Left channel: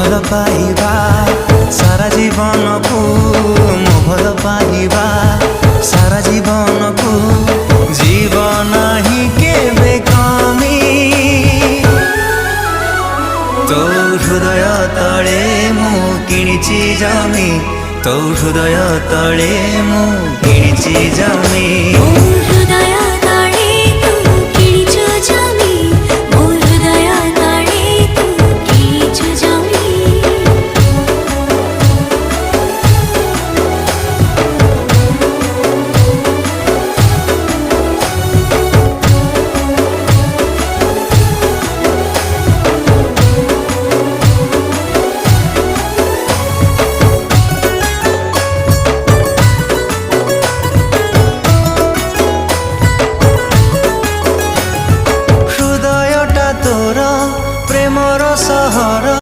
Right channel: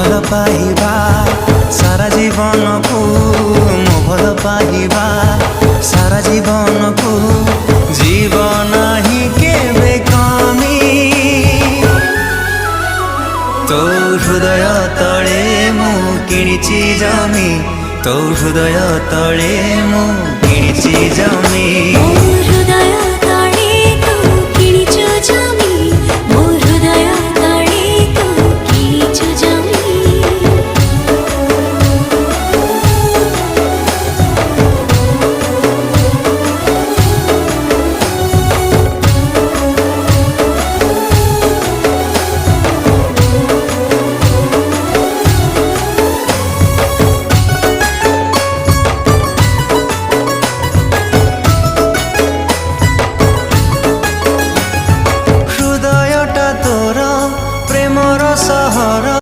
भल पाइबा सारा जीवन को मो भल पाइबा सारा जीवन को जीवन ही केबे कमी तो हृदय तले मु किणिची जमी तो हृदय तले मु किणिची जमी।